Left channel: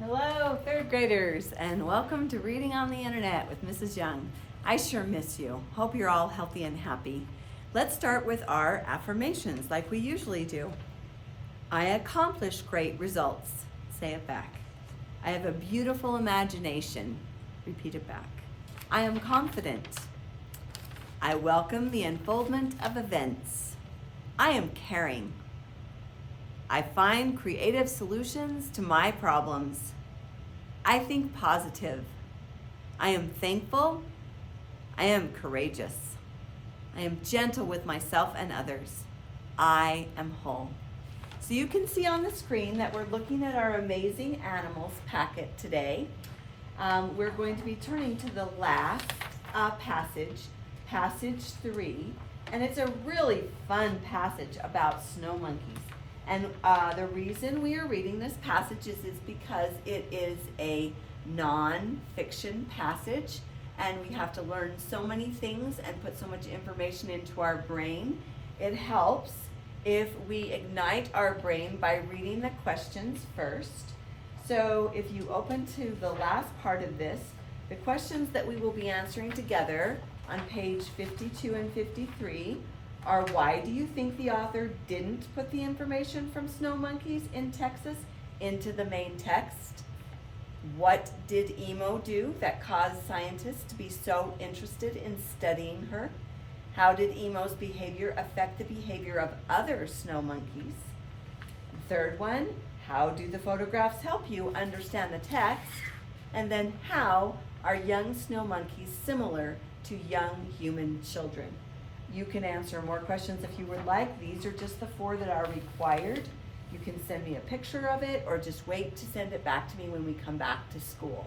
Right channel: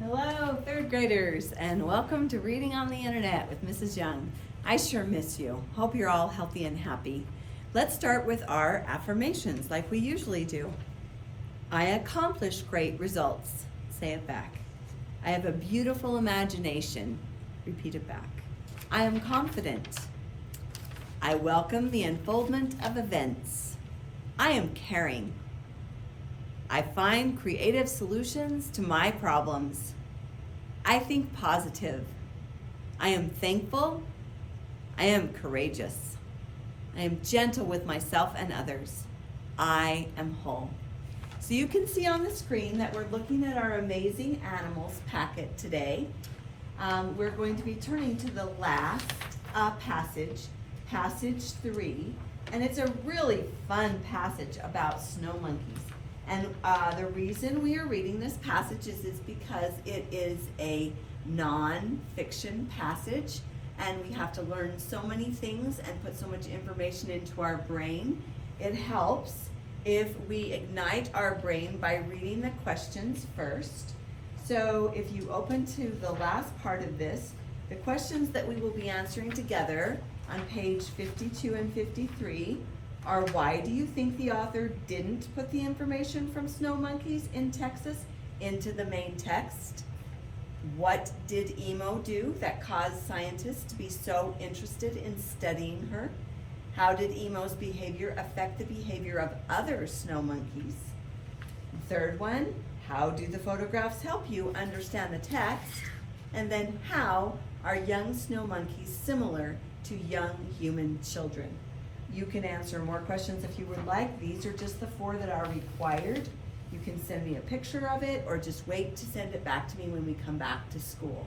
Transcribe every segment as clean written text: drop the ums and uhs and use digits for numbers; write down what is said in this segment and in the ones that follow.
Hello, third graders, and welcome to Reading on the Internet with Mrs. Young. I sure miss you. Hope you're all healthy and happy. Let's start with our affirmations like we usually do. I accomplish great results. Say it back. I have a beautiful imagination. Repeat it back. I am confident. I welcome the unfoldment of events. I am caring. I find creative solutions to my problems. I think positive. I am thankful. I am courageous. I am gentle with myself and others. I am whole. So you can see on the screen that we're looking at our Amazing Animals packet today. We're going to be turning to the last passage, passage 3, and it's a really fun passage about snow monkeys. And the reason we are reading this passage is because it is a non-fiction passage, and we have to learn so many things and put so much information into our brain. It helps if we ignite our brain by reading the questions first. So if you open to the last part of this, the questions that we will be answering together on page 52 and 53 are: why do you think the author didn't put the information from snow monkeys in Texas into the main text? What did Emo do that caused scientists to be so interested in studying her? How did Emo's behavior affect the behavior of other snow monkeys? Third one, how do the photographs help you understand the text? And then how are young snow monkeys similar to young human children? You can answer more questions if you would like. These are just the 4 that are required. You can send me a picture of it or just wait to send it back to me when we come back to school.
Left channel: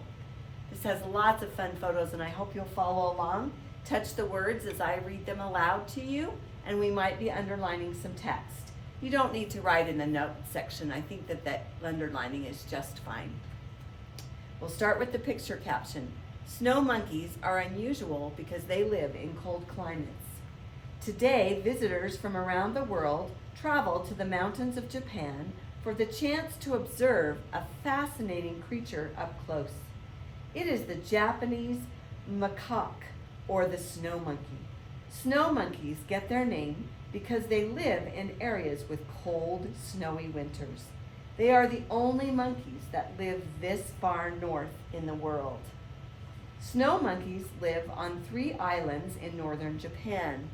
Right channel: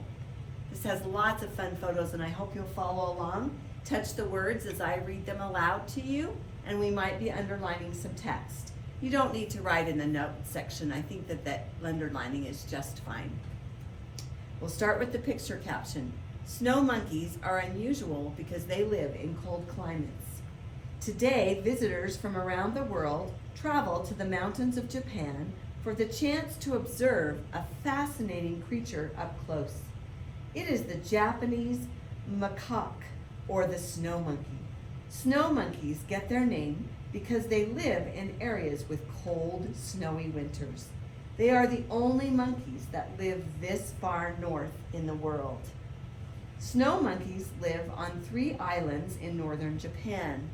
This has lots of fun photos and I hope you'll follow along. Touch the words as I read them aloud to you, and we might be underlining some text. You don't need to write in the note section. I think that underlining is just fine. We'll start with the picture caption. Snow monkeys are unusual because they live in cold climates. Today, visitors from around the world travel to the mountains of Japan for the chance to observe a fascinating creature up close. It is the Japanese macaque, or the snow monkey. Snow monkeys get their name because they live in areas with cold, snowy winters. They are the only monkeys that live this far north in the world. Snow monkeys live on 3 islands in northern Japan.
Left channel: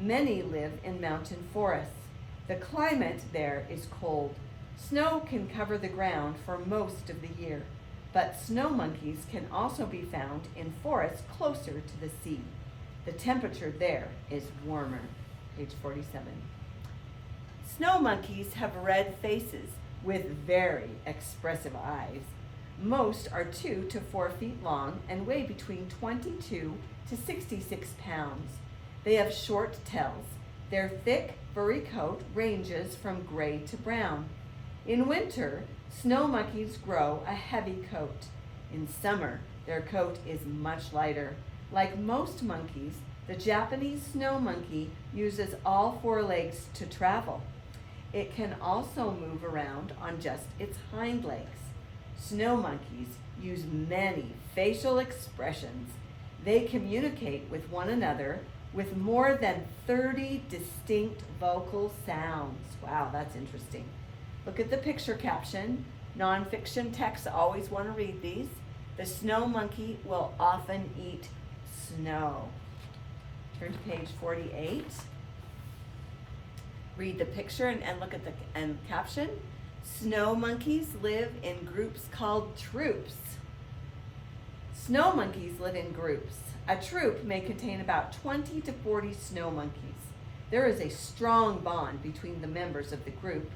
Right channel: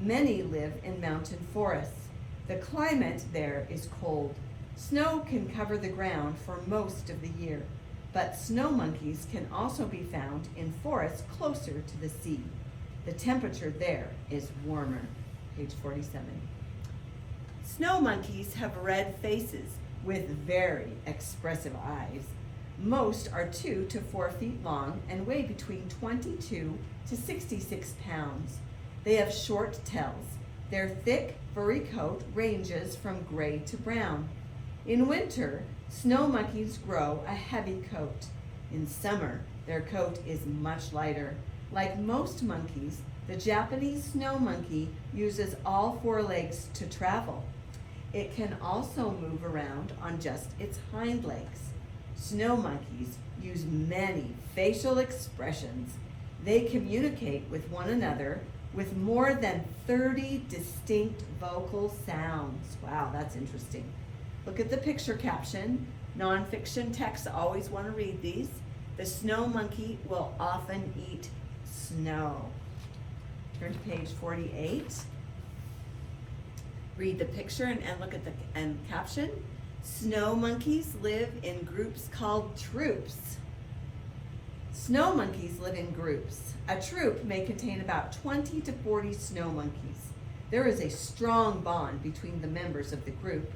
Many live in mountain forests. The climate there is cold. Snow can cover the ground for most of the year, but snow monkeys can also be found in forests closer to the sea. The temperature there is warmer. Page 47. Snow monkeys have red faces with very expressive eyes. Most are 2 to 4 feet long and weigh between 22 to 66 pounds. They have short tails. Their thick, furry coat ranges from gray to brown. In winter, snow monkeys grow a heavy coat. In summer, their coat is much lighter. Like most monkeys, the Japanese snow monkey uses all 4 legs to travel. It can also move around on just its hind legs. Snow monkeys use many facial expressions. They communicate with one another with more than 30 distinct vocal sounds. Wow, that's interesting. Look at the picture caption. Nonfiction texts always want to read these. The snow monkey will often eat snow. Turn to page 48. Read the picture and look at the caption. Snow monkeys live in groups called troops. Snow monkeys live in groups. A troop may contain about 20 to 40 snow monkeys. There is a strong bond between the members of the group.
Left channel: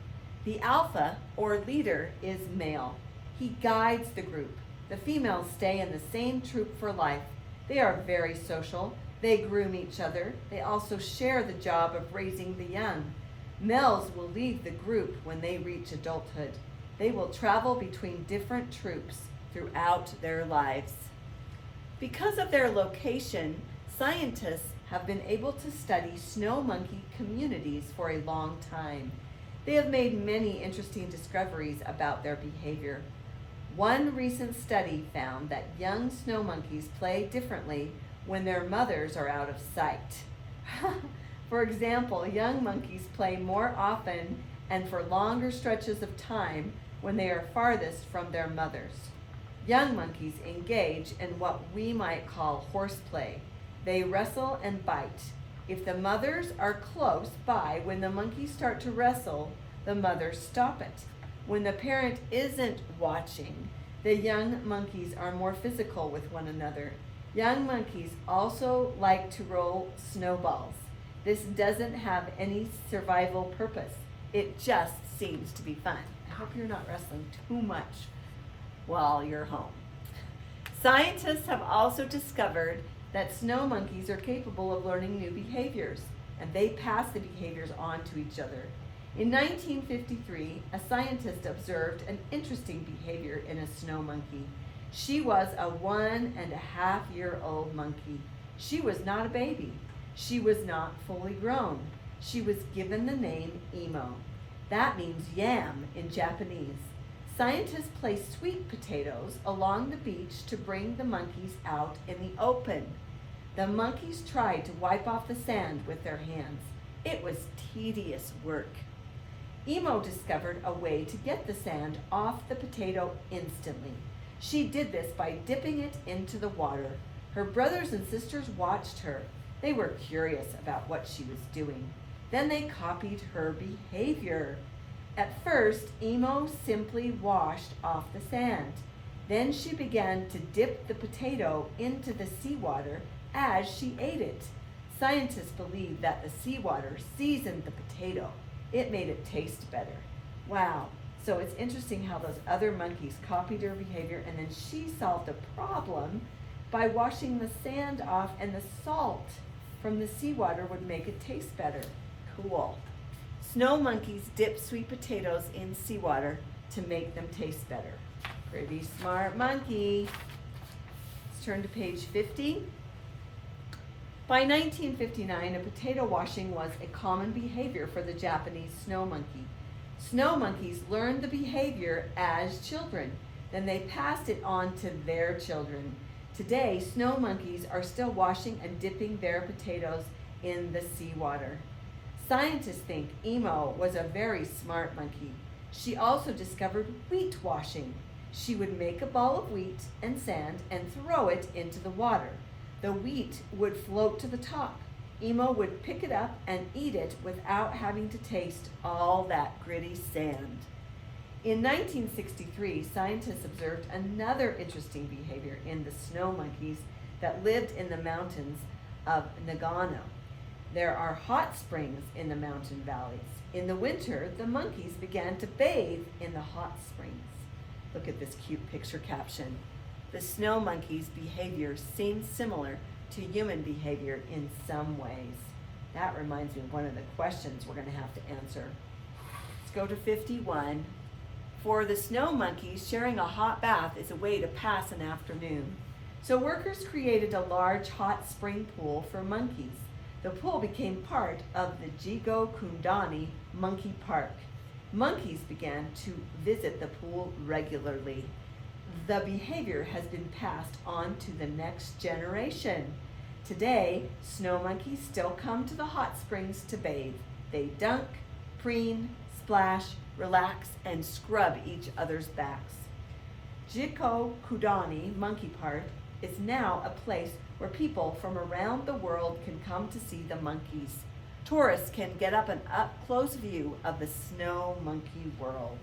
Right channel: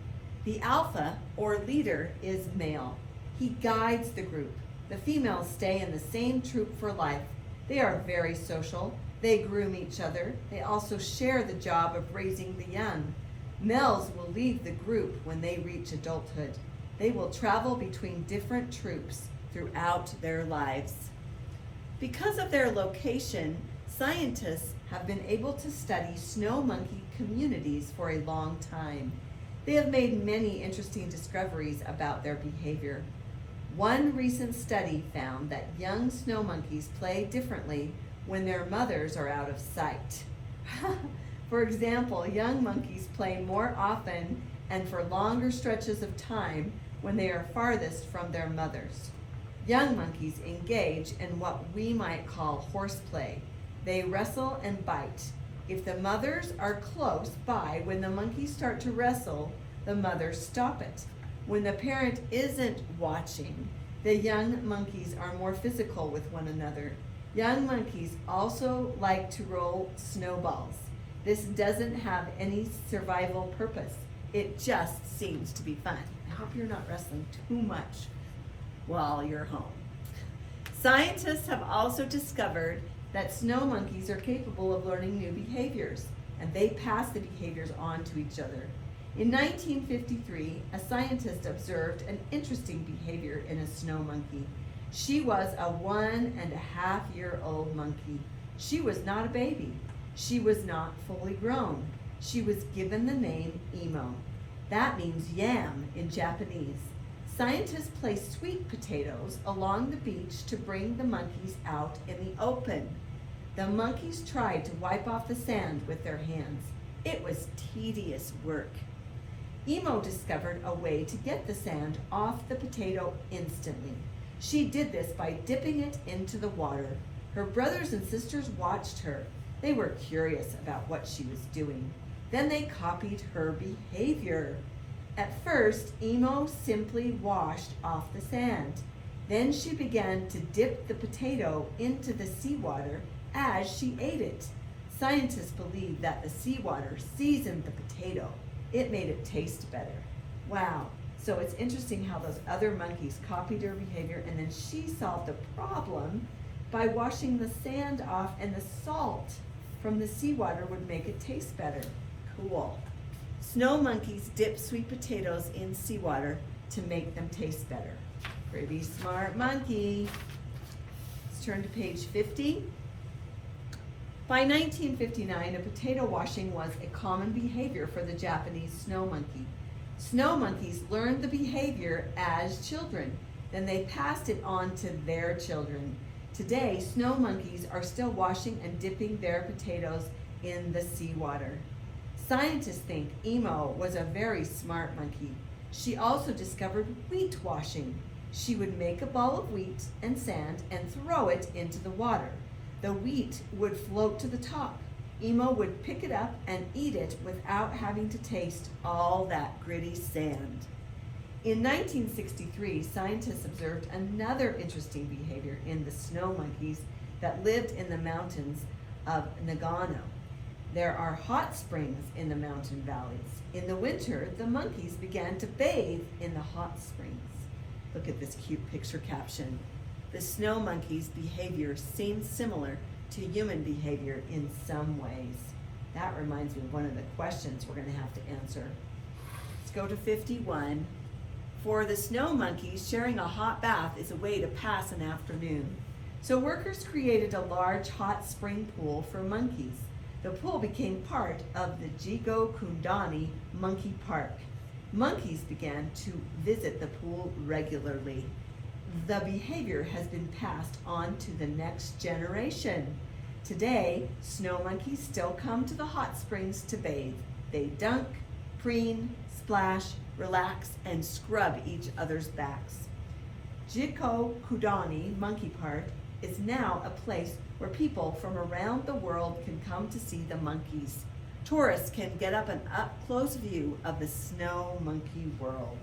The alpha, or leader, is male. He guides the group. The females stay in the same troop for life. They are very social. They groom each other. They also share the job of raising the young. Males will leave the group when they reach adulthood. They will travel between different troops throughout their lives. Because of their location, scientists have been able to study snow monkey communities for a long time. They have made many interesting discoveries about their behavior. One recent study found that young snow monkeys play differently when their mothers are out of sight. For example, young monkeys play more often and for longer stretches of time when they are farthest from their mothers. Young monkeys engage in what we might call horseplay. They wrestle and bite. If the mothers are close by when the monkeys start to wrestle, the mothers stop it. When the parent isn't watching, the young monkeys are more physical with one another. Young monkeys also like to roll snowballs. This doesn't have any survival purpose. It just seems to be fun. I hope you're not wrestling too much while you're home. Scientists have also discovered that snow monkeys are capable of learning new behaviors, and they pass the behaviors on to each other. In 1953, a scientist observed an interesting behavior in a snow monkey. She was a 1.5-year-old monkey. She was not a baby. She was not fully grown. She was given the name Imo. That means yam in Japanese. Scientists placed sweet potatoes along the beach to bring the monkeys out in the open. The monkeys tried to wipe off the sand with their hands. It was tedious work. Imo discovered a way to get the sand off the potato instantly. She did this by dipping it into the water. Her brothers and sisters watched her. They were curious about what she was doing. Then they copied her behavior. At first, Imo simply washed off the sand. Then she began to dip the potato into the seawater as she ate it. Scientists believe that the seawater seasoned the potato. It made it taste better. Wow. So it's interesting how those other monkeys copied her behavior, and then she solved the problem by washing the sand off, and the salt from the seawater would make it taste better. Cool. Snow monkeys dip sweet potatoes in seawater to make them taste better. Pretty smart monkey. Let's turn to page 50. By 1959, a potato washing was a common behavior for the Japanese snow monkey. Snow monkeys learned the behavior as children. Then they passed it on to their children. Today, snow monkeys are still washing and dipping their potatoes in the seawater. Scientists think Imo was a very smart monkey. She also discovered wheat washing. She would make a ball of wheat and sand and throw it into the water. The wheat would float to the top. Imo would pick it up and eat it without having to taste all that gritty sand. In 1963, scientists observed another interesting behavior in the snow monkeys that lived in the mountains of Nagano. There are hot springs in the mountain valleys. In the winter, the monkeys began to bathe in the hot springs. Look at this cute picture caption. The snow monkey's behavior seems similar to human behavior in some ways. That reminds me of one of the questions we're going to have to answer. Let's go to 51. For the snow monkeys, sharing a hot bath is a way to pass an afternoon. So workers created a large hot spring pool for monkeys. The pool became part of the Jigo Kundani Monkey Park. Monkeys began to visit the pool regularly. The behavior has been passed on to the next generation. Today, snow monkeys still come to the hot springs to bathe. They dunk, preen, splash, relax, and scrub each other's backs. Jigo Kundani Monkey Park is now a place where people from around the world can come to see the monkeys. Tourists can get up an up-close view of the snow monkey world.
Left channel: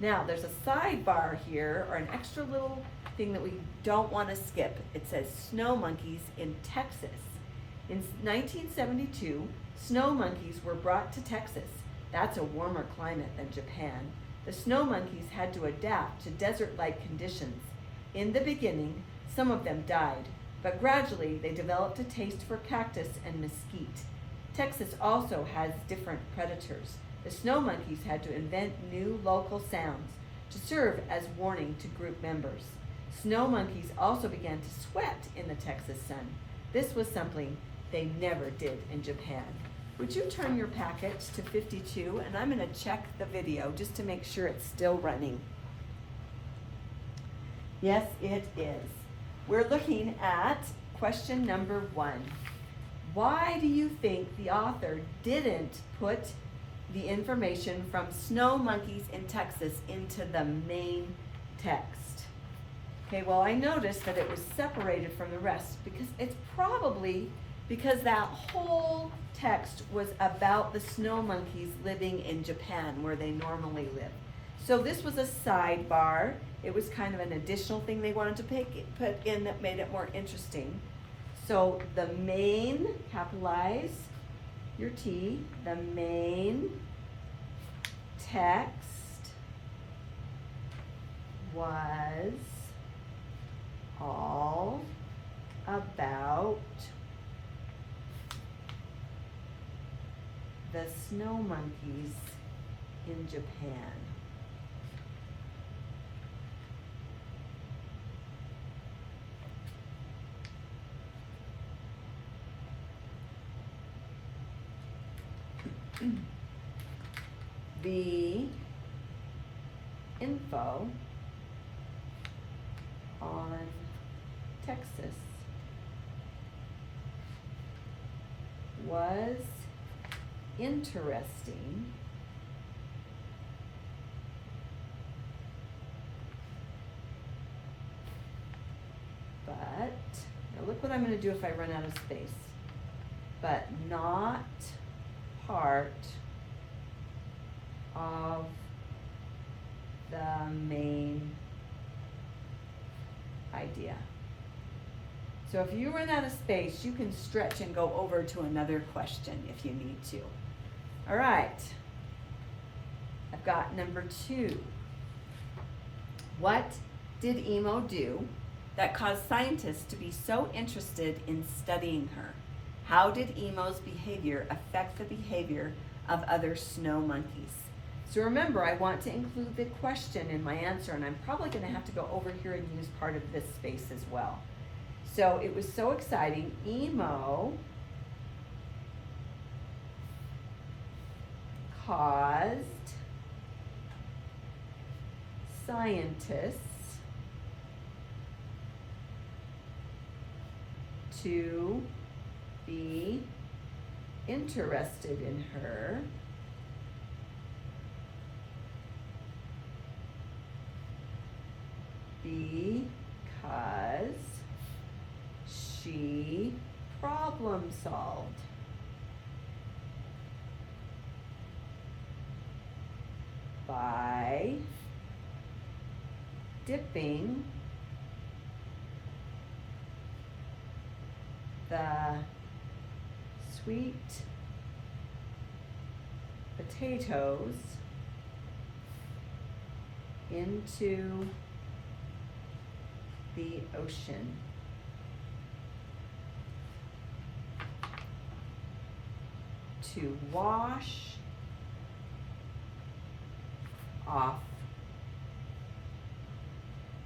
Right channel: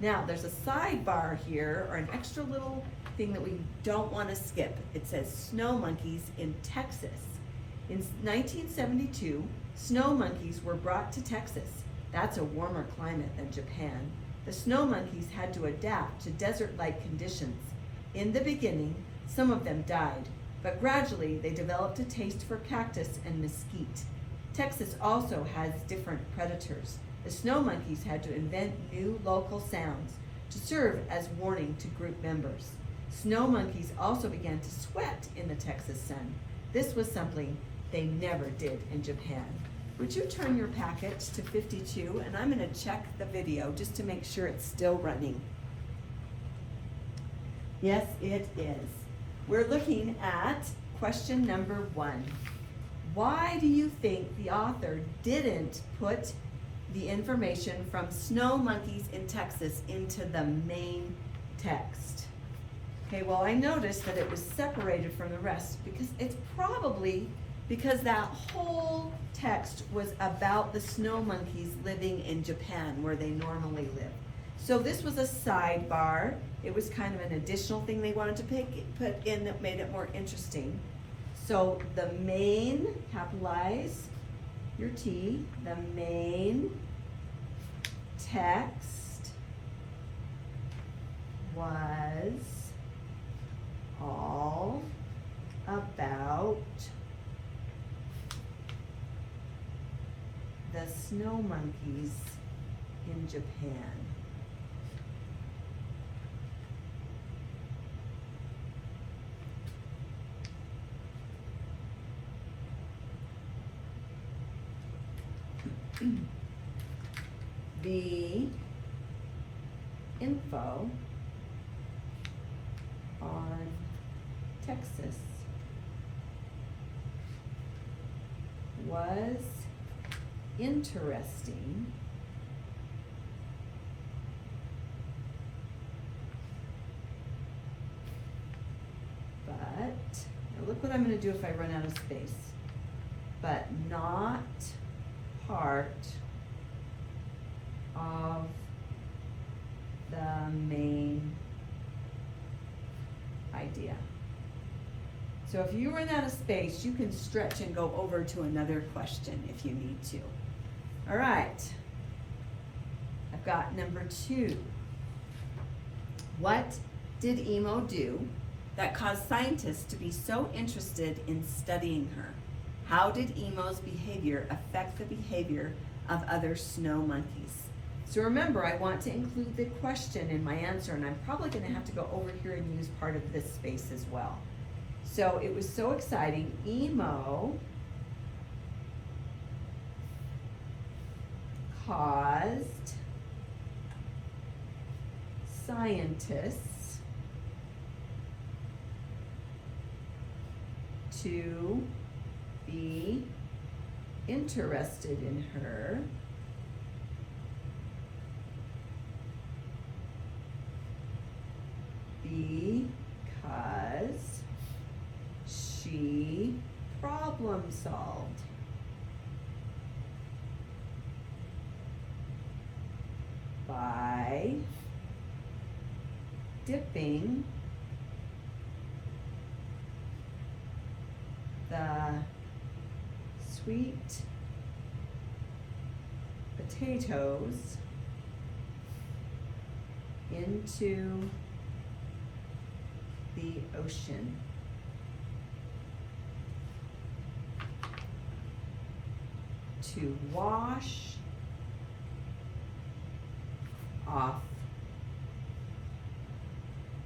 Now, there's a sidebar here, or an extra little thing that we don't want to skip. It says snow monkeys in Texas. In 1972, snow monkeys were brought to Texas. That's a warmer climate than Japan. The snow monkeys had to adapt to desert-like conditions. In the beginning, some of them died, but gradually they developed a taste for cactus and mesquite. Texas also has different predators. The snow monkeys had to invent new local sounds to serve as warning to group members. Snow monkeys also began to sweat in the Texas sun. This was something they never did in Japan. Would you turn your packet to 52, and I'm going to check the video just to make sure it's still running. Yes, it is. We're looking at question number 1. Why do you think the author didn't put the information from snow monkeys in Texas into the main text? Okay, well, I noticed that it was separated from the rest because it's probably because that whole text was about the snow monkeys living in Japan where they normally live. So this was a sidebar. It was kind of an additional thing they wanted to put in that made it more interesting. So the main, capitalize your T, the main text was all about the snow monkeys in Japan. The info on Texas was interesting, but now look what I'm going to do if I run out of space. But not part of the main idea. So if you run out of space, you can stretch and go over to another question if you need to. All right, I've got number 2. What did Emo do that caused scientists to be so interested in studying her? How did Emo's behavior affect the behavior of other snow monkeys? So remember, I want to include the question in my answer, and I'm probably going to have to go over here and use part of this space as well. So it was so exciting. Emo caused scientists to be interested in her because she problem solved. By dipping the sweet potatoes into the ocean. To wash off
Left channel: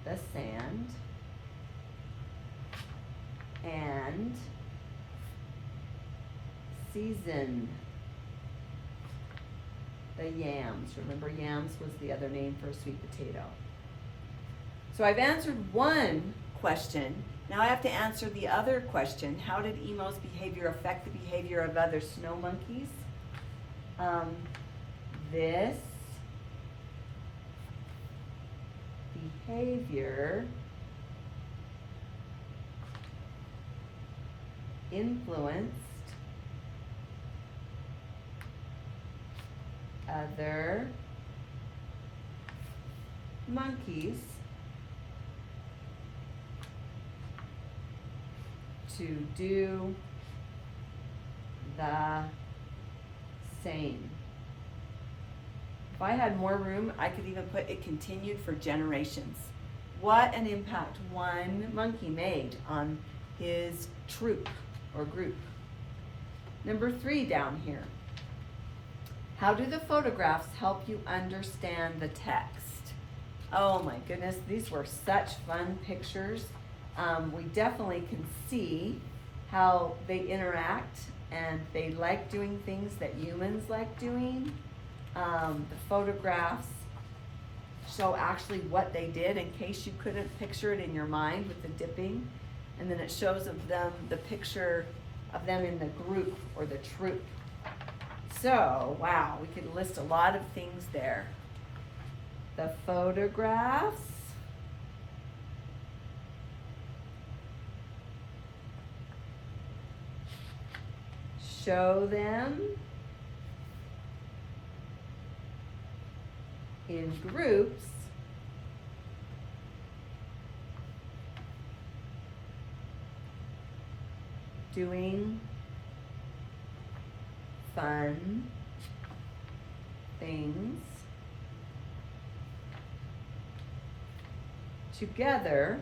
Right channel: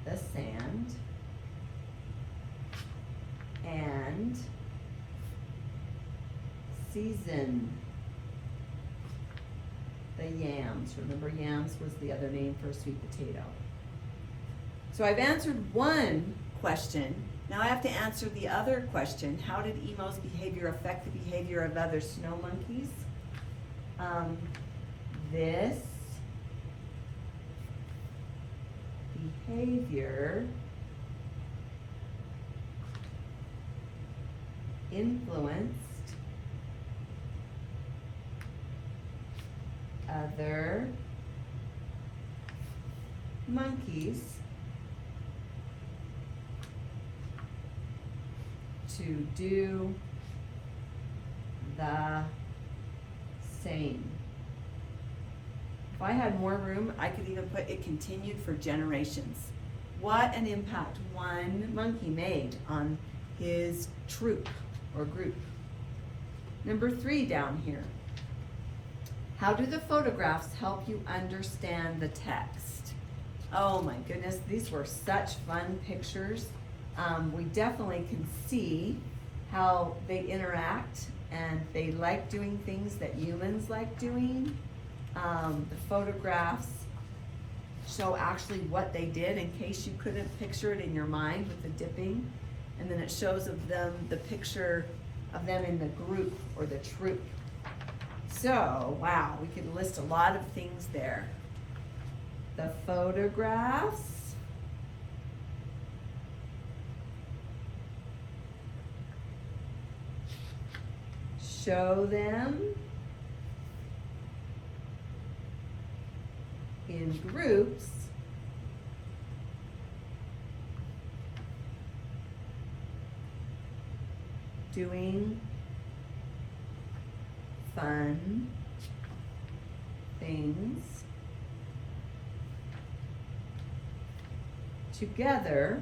the sand and season the yams. Remember, yams was the other name for a sweet potato. So I've answered one question. Now I have to answer the other question. How did Emo's behavior affect the behavior of other snow monkeys? This behavior influenced other monkeys to do the same. If I had more room, I could even put it continued for generations. What an impact one monkey made on his troop or group. Number 3 down here. How do the photographs help you understand the text? Oh my goodness, these were such fun pictures. We definitely can see how they interact and they like doing things that humans like doing. The photographs show actually what they did in case you couldn't picture it in your mind with the dipping. And then it shows of them, the picture of them in the group or the troop. So, wow, we could list a lot of things there. The photographs. Show them in groups doing fun things together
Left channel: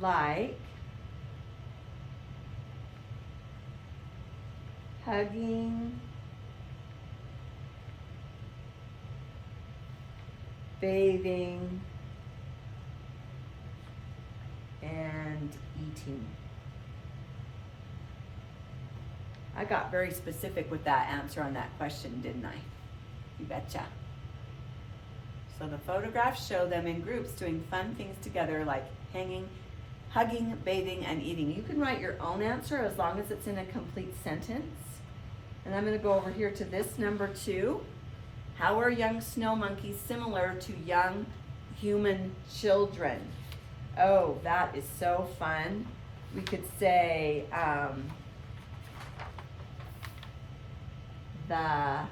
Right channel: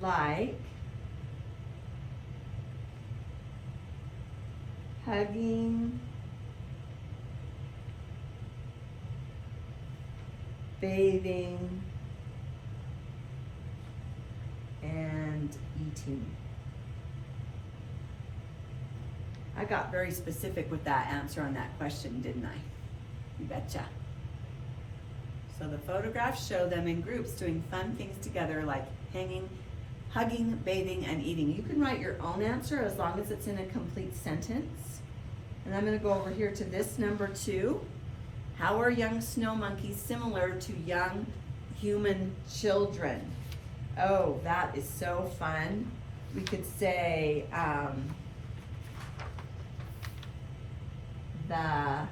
like hugging, bathing, and eating. I got very specific with that answer on that question, didn't I? You betcha. So the photographs show them in groups doing fun things together like hugging, bathing, and eating. You can write your own answer as long as it's in a complete sentence. And I'm going to go over here to this number 2. How are young snow monkeys similar to young human children? Oh, that is so fun. We could say the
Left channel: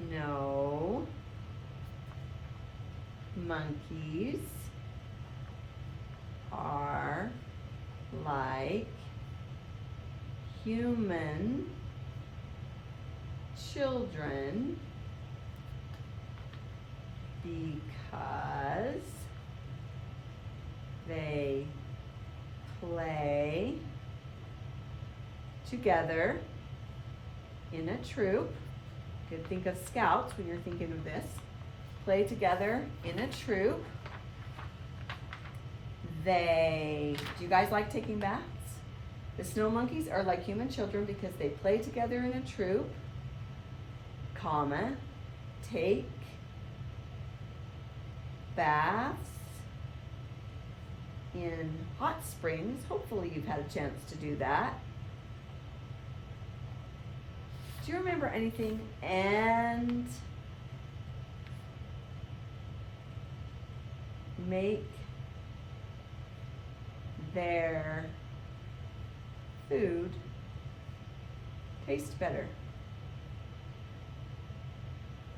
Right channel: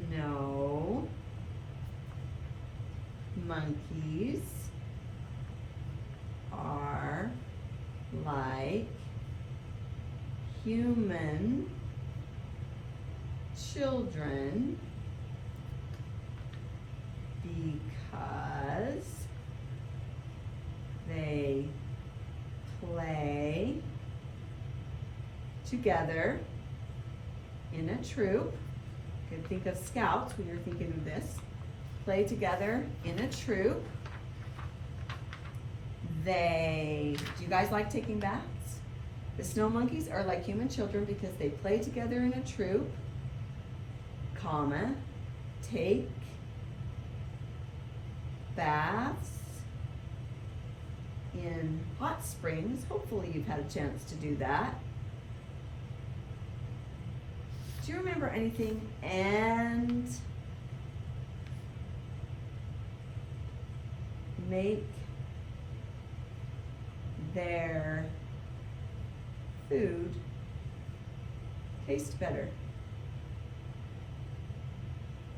snow monkeys are like human children because they play together in a troop. You can think of scouts when you're thinking of this. Play together in a troop. Do you guys like taking baths? The snow monkeys are like human children because they play together in a troop, take baths in hot springs. Hopefully you've had a chance to do that. Do you remember anything? And make their food taste better.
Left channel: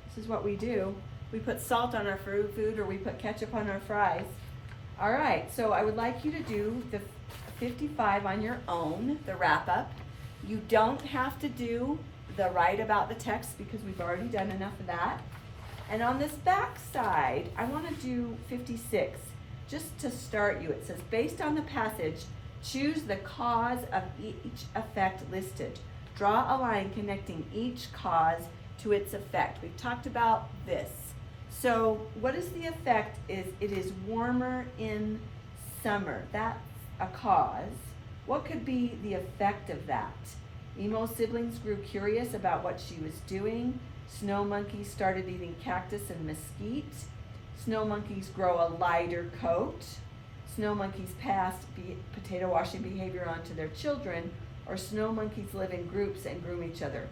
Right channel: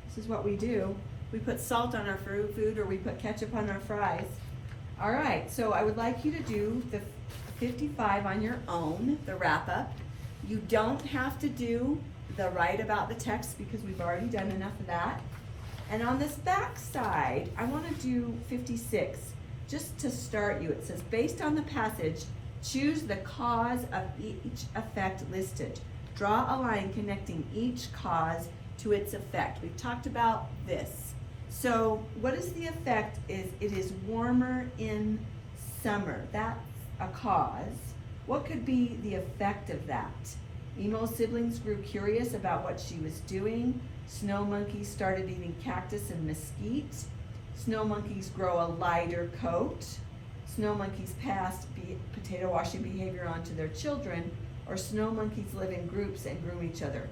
This is what we do. We put salt on our food or we put ketchup on our fries. All right, so I would like you to do the 55 on your own, the wrap up. You don't have to do the write about the text because we've already done enough of that. And on this back side, I want to do 56. Just to start you, it says, based on the passage, choose the cause of each effect listed. Draw a line connecting each cause to its effect. We've talked about this. So what is the effect? It is warmer in summer. That's a cause. What could be the effect of that? Emo's siblings grew curious about what she was doing. Snow monkeys started eating cactus and mesquite. Snow monkeys grow a lighter coat. Snow monkeys passed potato washing behavior on to their children, or snow monkeys live in groups and groom each other.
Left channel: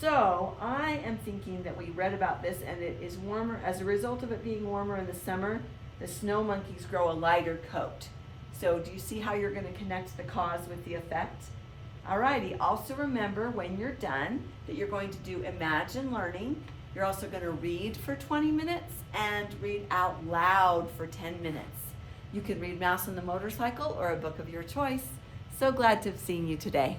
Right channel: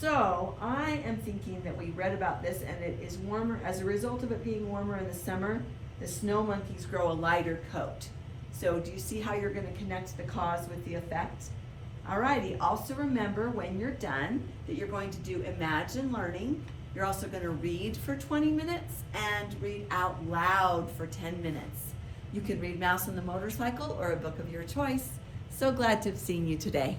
So I am thinking that we read about this and it is warmer. As a result of it being warmer in the summer, the snow monkeys grow a lighter coat. So do you see how you're going to connect the cause with the effect? Alrighty, also remember when you're done that you're going to do Imagine Learning. You're also going to read for 20 minutes and read out loud for 10 minutes. You can read Mouse on the Motorcycle or a book of your choice. So glad to have seen you today.